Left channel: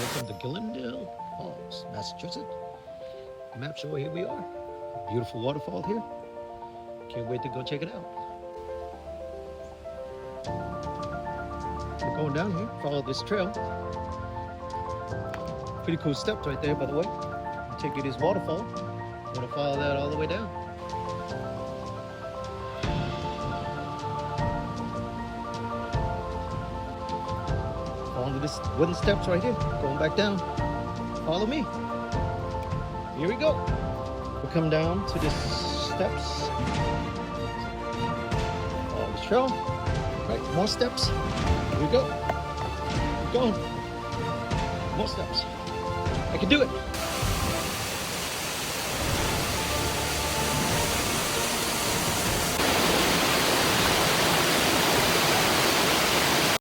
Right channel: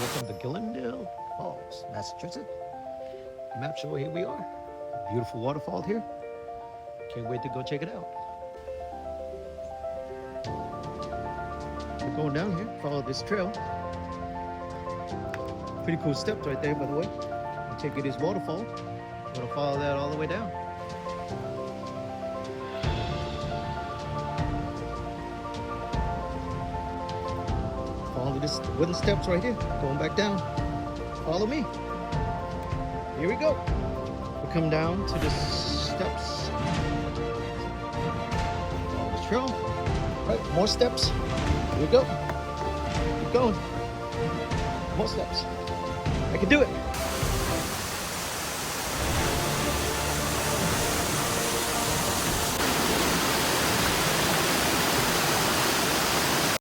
welcome to Glendale Falls, Massachusetts. Map show, here we are. Beautiful waterfall here. Can't wait to go check it out. We're going down here, follow this trail. Pretty cool steps right there, by the way. You take you this waterfall. You want to follow that all the way down. Follow this wooden steps right here, going back down. Follow me. Here we go. We come down to the steps. Follow the trail. Right, more steps. Here we go. Keep going. More steps. I can do it.